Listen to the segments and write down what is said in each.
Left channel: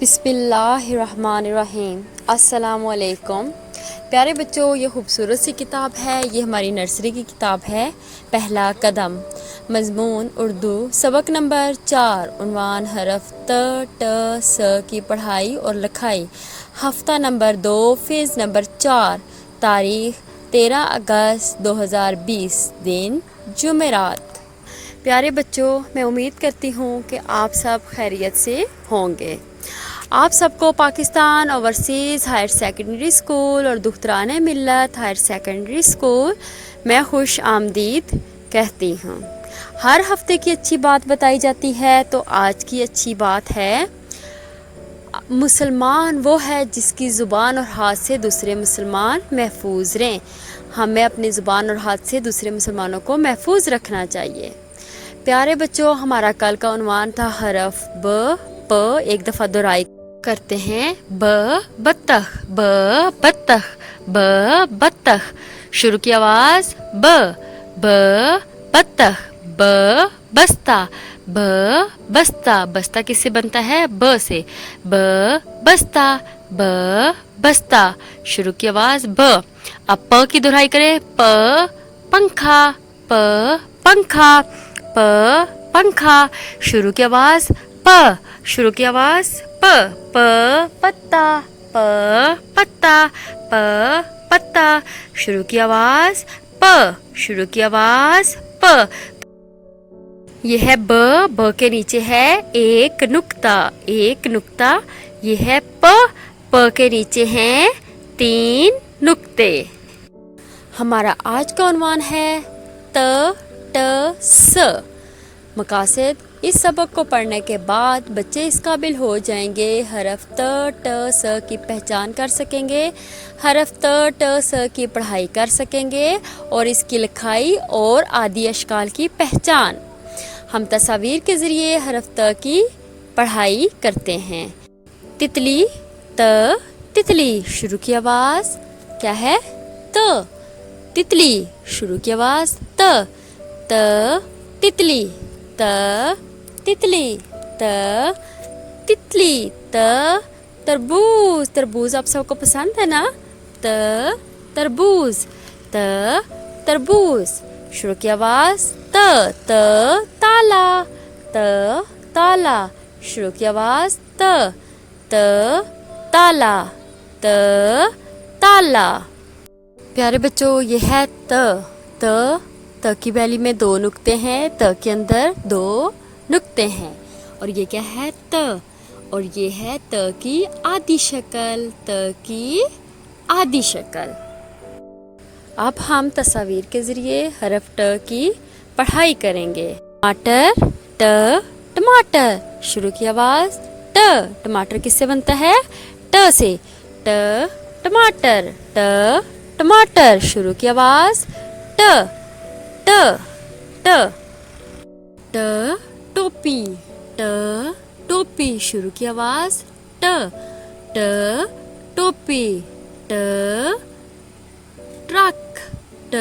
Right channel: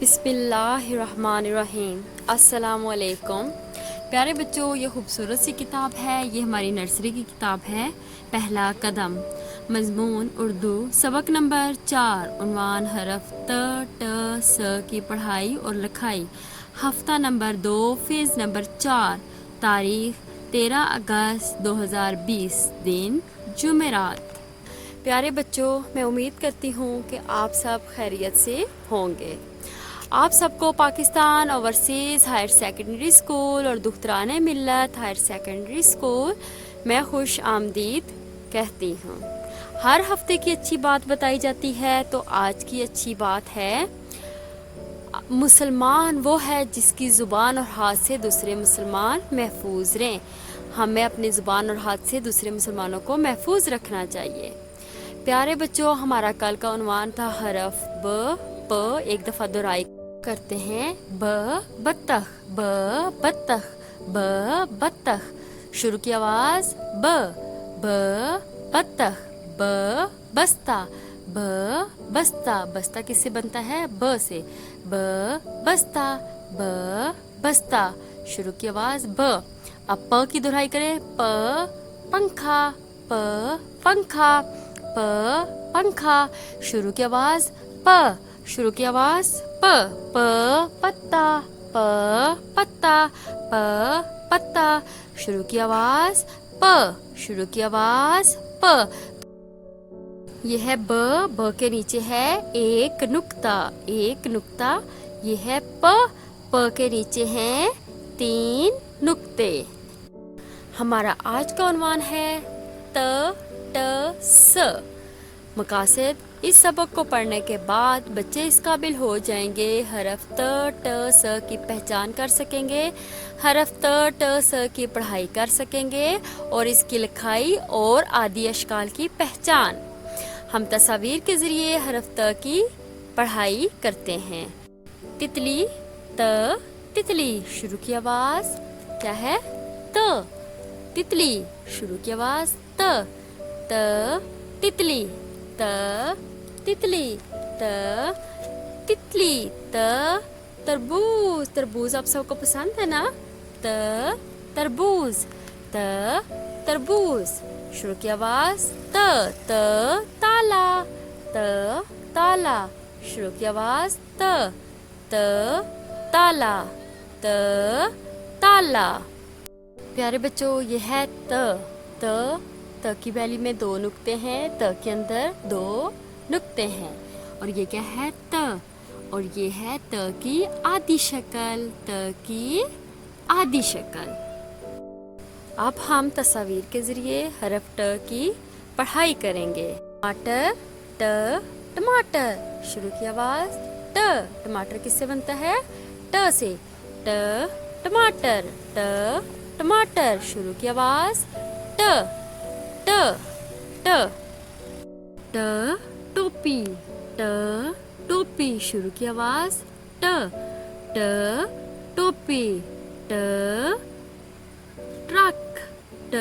बिस्मिल्लाहिर्रहमानिर्रहीम। अस्सलामुअलैकुम। प्यारे बच्चों, ये खूबसूरत सी किताब है। ये हमारी नर्सरी की किताब है, पहला कदम। मज़मून उर्दू, सबक नंबर 4, उन्वान हरफ त ट स की पढ़ाई और लिखाई। हफ्ता नंबर 2, फ़ेज़ नंबर 4, तारीख़ 13 अगस्त 2020, दिन जुमेरात। प्यारे बच्चों, मैं उम्मीद करती हूँ कि आप सब खैरियत से होंगे। आप सबको Pakistan overseas higher secondary school और दुख्तरान मिल्लत हायर सेकेंडरी स्कूल में खुश आमदीद कहती हूँ। हर हफ्ते की अच्छी बात बताई जाती है, तो आज की अच्छी बात है, मुसलमान वो है जिसकी ज़ुबान और हाथ से दूसरे मुसलमान महफूज रहें। हमें अपनी ज़ुबान और हाथ से दूसरे मुसलमानों को महफूज रखना चाहिए। प्यारे बच्चों, हमारा कल का उन्वान था हरफ ब प। एक दफ़ा दोहराई करते हैं। ब बत्तख, ब बत्तख, ब बत्तख। शुरू की आवाज़ ब बत्तख, ब बस्ता, ब बस्ता। बस्ता किससे बनता है? ब से। ब बस्ता, ब बस्ता। शुरू की आवाज़ ब। अब प की दोहराई करें। प पंखा, प पंखा, प पंखा। शुरू की आवाज़ प। शुरू की आवाज़ प। प पत्ता, प पत्ता, प पत्ता। शुरू की आवाज़ प। शुरू की आवाज़ प। यह है ब। ब के नीचे है एक नुक्ता, एक नुक्ता। यह है प। प के नीचे हैं 3 नुक्ते। हमारा आज का उन्वान है त ट स। मकासद, इस सबक को पढ़ने के बाद बच्चे इस काबिल हो जाएंगे, हरफ त ट स की पहचान कर सकेंगे, हरफ त ट स की पढ़ाई कर सकेंगे और इसकी लिखाई और आदि अशकाल की पहचान। हम तस्वीर के ज़रिए हरफ त की पढ़ाई करते हैं। तितली, त तितली। शुरू की आवाज़ क्या है? त। तितली। शुरू की आवाज़ त तितली, त तितली, त तितली। त तरबूज। तरबूज आप सबको पसंद है ना? त तरबूज, त तरबूज। शुरू की आवाज़ त ताला, त ताला। शुरू की आवाज़ त ताला, त ताला। प्यारे बच्चों, ये है त की बैली में 2 नुक्ते हैं, त के अंदर 2 नुक्ते हैं। और ये क्या है? त। और ये है त की आधी शक्ल, त की आधी शक्ल। अब हम तस्वीर के ज़रिए हरफ ट की पढ़ाई करेंगे। टमाटर, ट टमाटर। शुरू की आवाज़ ट। टमाटर किससे बनता है? ट से। ट टमाटर, ट टमाटर। शुरू की आवाज़ ट ट ट ट टोपी, ट टोपी। शुरू की आवाज़ ट ट टोपी, ट ट्रक, ट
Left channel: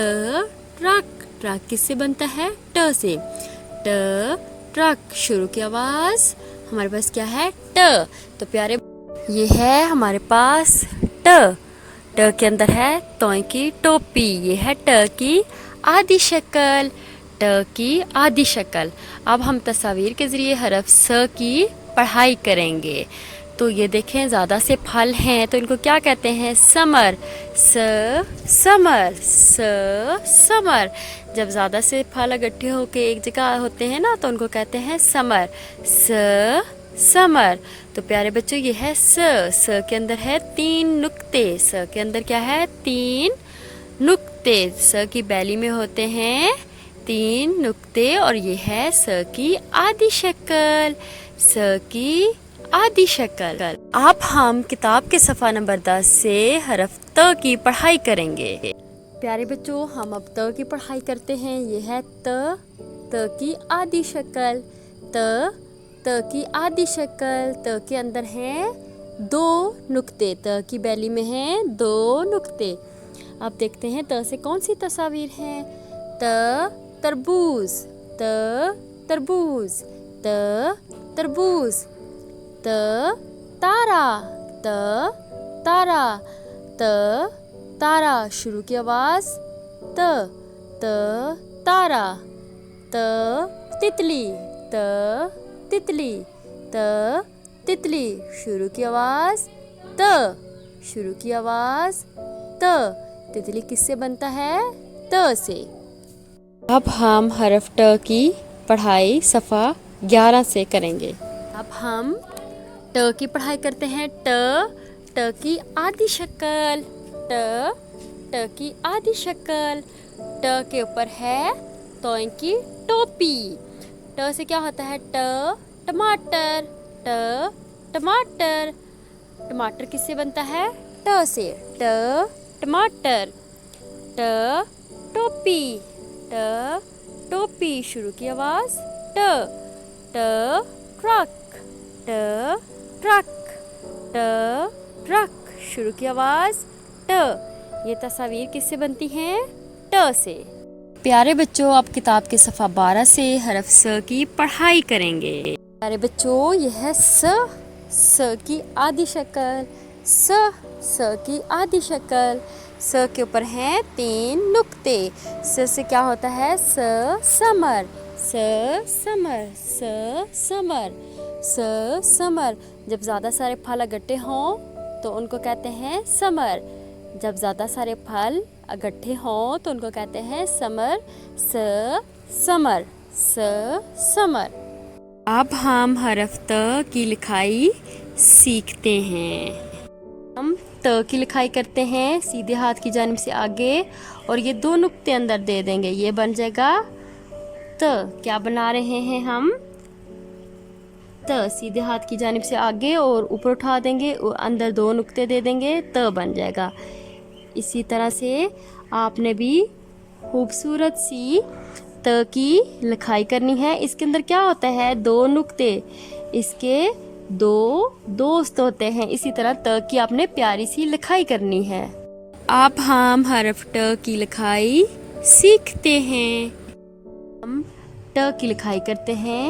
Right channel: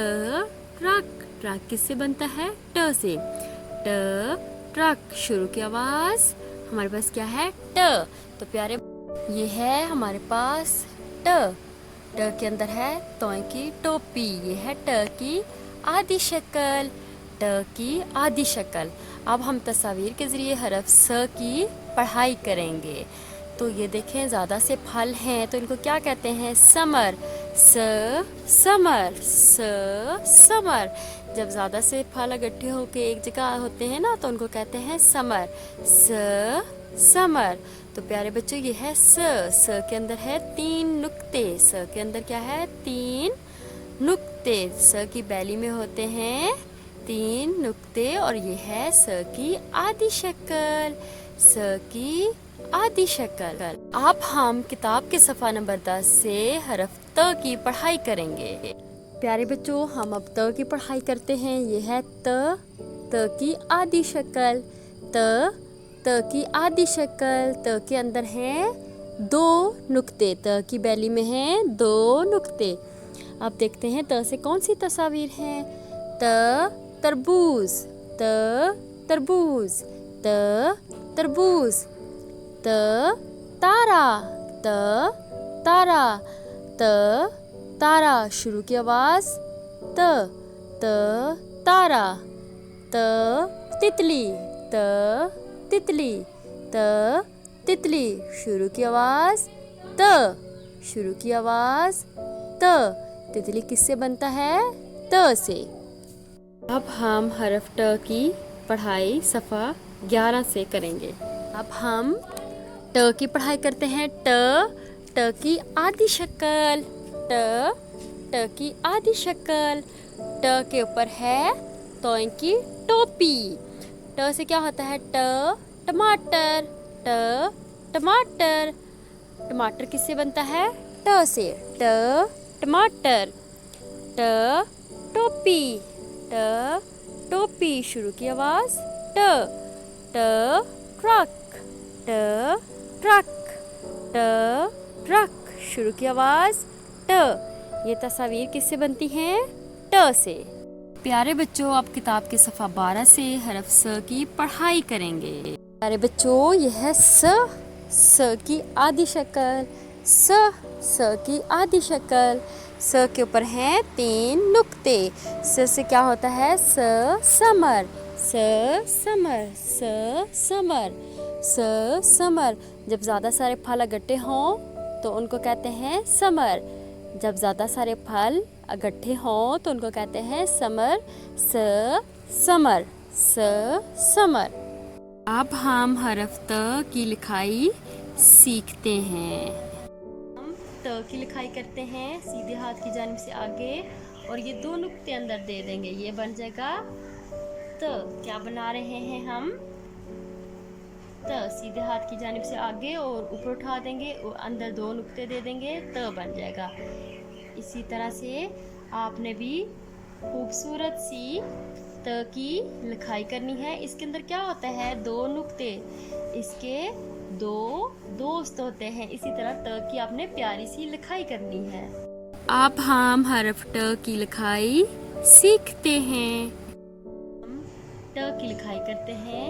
ट्रक। ट्रक किससे बनता है? ट से। ट ट्रक। शुरू की आवाज़ हमारे पास क्या है? ट। तो प्यारे, ये है हमारे पास ट। ट के अंदर है तोय की टोपी। ये है ट की आधी शक्ल, ट की आधी शक्ल। अब हम तस्वीर के ज़रिए हरफ स की पढ़ाई करेंगे। तो ये देखें, ज़्यादा से फल हैं तो इनको क्या कहते हैं? समर, स समर, स समर। जब ज़्यादा से फल इकट्ठे होके एक जगह होते हैं ना, तो उनको कहते हैं समर, स समर। तो प्यारे बच्चों, ये है स के अंदर है 3 नुक्ते। स के अंदर क्या है? 3 नुक्ते। स की बैली में होते हैं 3 नुक्ते। और ये है स की आधी शक्ल, स की आधी शक्ल। अब हम किताब के सफ़ा नंबर 10 से हरफ त की पढ़ाई करेंगे। प्यारे बच्चों, हम अब त की पढ़ाई करते हैं। ये है त की आधी शक्ल, त की आधी शक्ल। त के अंदर हैं 2 नुक्ते, त की बैली में हैं 2 नुक्ते। अब देखते हैं त से कौन सी तस्वीर हैं। त तरबूज, त तरबूज, त तरबूज, त तारा, त तारा, त तारा। शुरू की आवाज त तारा। त तितली, त तितली, त तितली। शुरू की आवाज त, शुरू की आवाज त। तितली किससे बनता है? त से। अब हम हरफ ट की पढ़ाई सफ़ा 11 से करेंगे। अब हम ट की पढ़ाई करते हैं। ट की आधी शक्ल, ट की आधी शक्ल। ट के ऊपर है तोय की टोपी। ट से क्या होता है? टमाटर, टमाटर। टमाटर किससे बनता है? ट से। टमाटर। टोपी, टोपी। शुरू की आवाज ट्रक, ट्रक, ट्रक। शुरू की आवाज ट। ये तस्वीर किससे बनती हैं? ट से। प्यारे बच्चों, आप किताब के सफ़ा 12 से हरफ स की पढ़ाई करेंगे। प्यारे बच्चों, यह है स की आधी शक्ल, स की आधी शक्ल। स के ऊपर हैं 3 नुक्ते। स से क्या होता है? Summer, summer, summer, summer. जब ज़्यादा सारे फल इकट्ठे हों तो उनको कहते हैं समर। जब ज़्यादा सारे फल इकट्ठे हों तो उनको कहते हैं समर, समर, समर। अब हम हरफ त की लिखाई सीखते हैं। हम त की लिखाई करते हैं सीधे हाथ की जानिब से आगे और ये 2 नुक्ते अंदर दे देंगे। ये बन जाएगा त। क्या बना रहे हैं हम? त। सीधे हाथ की जानिब से आगे और ऊपर उठा देंगे और अंदर 2 नुक्ते दे देंगे, त बन जाएगा। इसी तरह से आपने भी खूबसूरत सी त की लिखाई करनी है। इसके अंदर क्या होता है? 2 नुक्ते, इसके 2 दोस्त होते हैं। इसी तरह त की आपने प्यारी सी लिखाई करनी है। अब हम हरफ ट की लिखाई सीखते हैं। हम ट की लिखाई करते हैं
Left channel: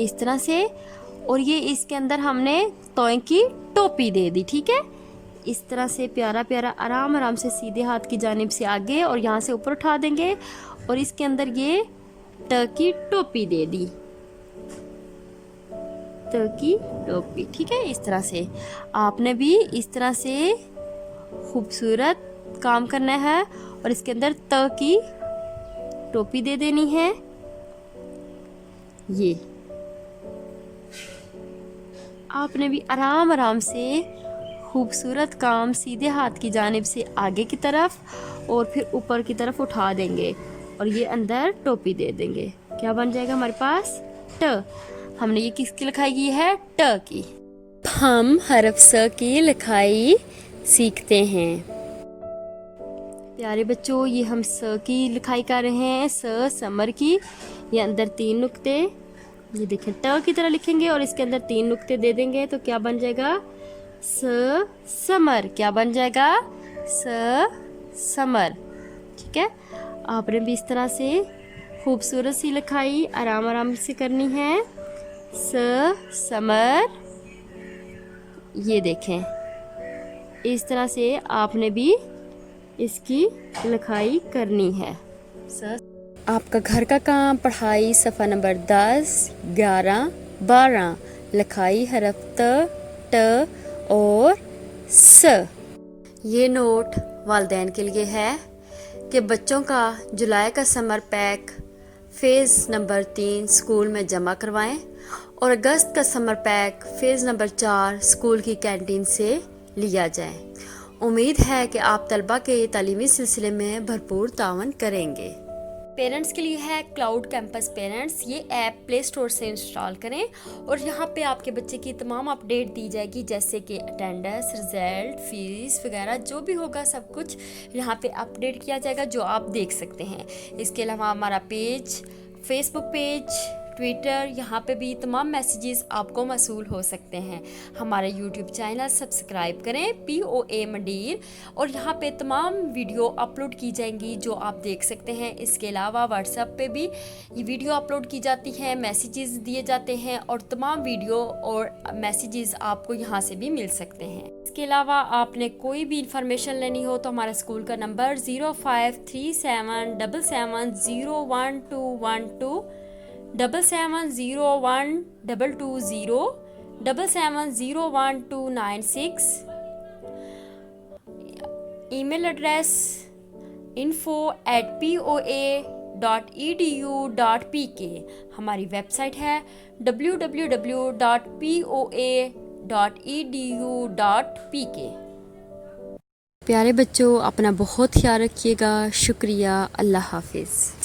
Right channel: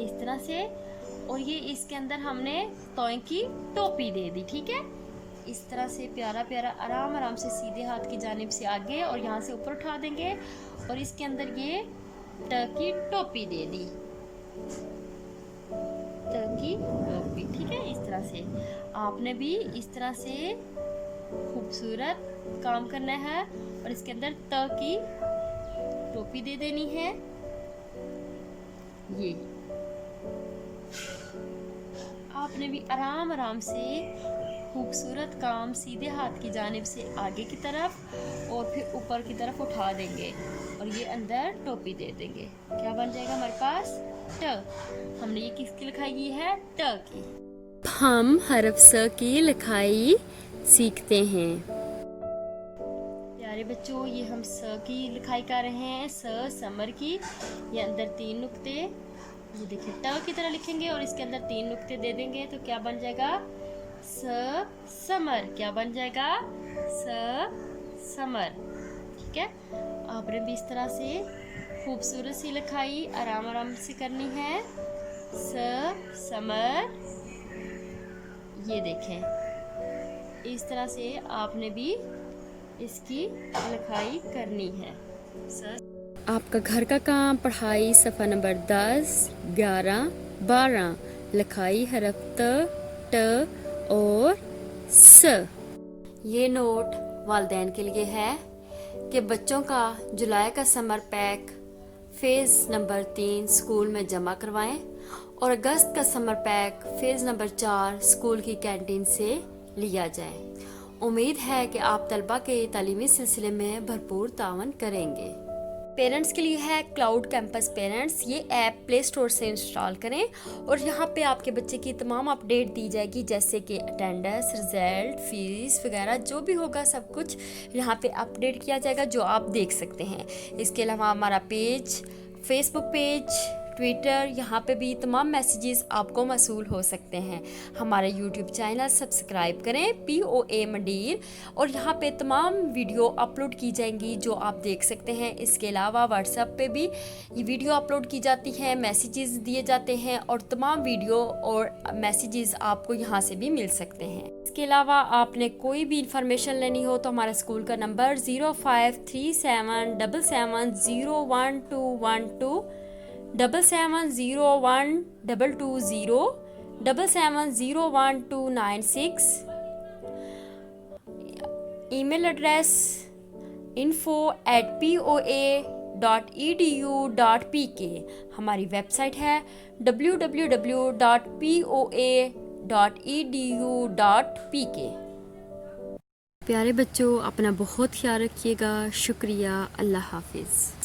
इस तरह से और ये इसके अंदर हमने तोय की टोपी दे दी। ठीक है, इस तरह से प्यारा प्यारा आराम आराम से सीधे हाथ की जानिब से आगे और यहाँ से ऊपर उठा देंगे और इसके अंदर ये ट की टोपी दे दी, त की टोपी। ठीक है, इस तरह से आपने भी इस तरह से खूबसूरत काम करना है और इसके अंदर त की टोपी दे देनी है। ये आपने भी आराम आराम से खूबसूरत काम सीधे हाथ की जानिब से आगे की तरफ और फिर ऊपर की तरफ उठा देंगे और ये अंदर टोपी दे देंगे। क्या बन जाएगा हमारे पास? ट। हमने ये किसकी लिखाई की है? ट की। हम हरफ स की लिखाई सीखते हैं। प्यारे बच्चों, ये हम स की लिखाई कर रहे हैं, समर की। ये अंदर 3 नुक्ते, ये देखें ट की तरह लिखेंगे और इसके अंदर 3 नुक्ते दे देंगे तो क्या बन जाएगा? समर। क्या बन जाएगा? समर। ठीक है, आपने भी इस तरह से खूबसूरत सी लिखाई आराम आराम से करनी है। समर। ये देखें इस तरह से आपने भी इसकी लिखाई करनी है। आपका घर का काम पढ़ाई सफ़ा नंबर 10, 11, 12। लिखाई हरफ त और स। ये नोट वालिदैन के लिए है कि बच्चों का जुलाई का summer pack phase number 3 school में जमा करवाएं और अगस्त का summer pack phase number 4 school की कैंटीन से लिया जाए। उम्मीद है कि आप तलबा के तालीमी सिलसिले में भरपूर तावन करेंगे। पेरेंट्स के लिए है क्लाउड कैंपस पेरेंट्स। ये ऐप प्ले स्टोर से इंस्टॉल करें और यहाँ पे आपके बच्चे की तमाम अपडेट दी जाएगी, जैसे कि अटेंडेंस, रिजल्ट, फीस वगैरह जो भी होगा सब कुछ यहाँ पे अपडेट किया जाएगा जो आप देख सकते हैं। इसके अलावा हमारा पेज, फेसबुक पेज, ट्विटर, यहाँ पे भी तमाम मैसेजेस आपको मसूल हो सकते हैं। हमारे यूट्यूब चैनल सब्सक्राइब करें POA मंडीर, और यहाँ पे तमाम वीडियो अपलोड की जाएंगी जो आप देख सकते हैं। इसके अलावा व्हाट्सएप पे भी ये वीडियो अपलोड की जाती है, मैसेजेस दिए जाते हैं और तमाम वीडियो और मैसेजेस आपको यहाँ से भी मिल सकते हैं। इसके अलावा आपने कोई भी इंफॉर्मेशन लेनी हो तो हमारा स्कूल का नंबर 053777011212 77012220 77011296। Email address info@poa.edu.pk। हमारी वेबसाइट है www.poa.edu.pk। प्यारे बच्चों, अपना बहुत ख्याल रखिएगा। शुक्रिया। अल्लाह हाफिज़।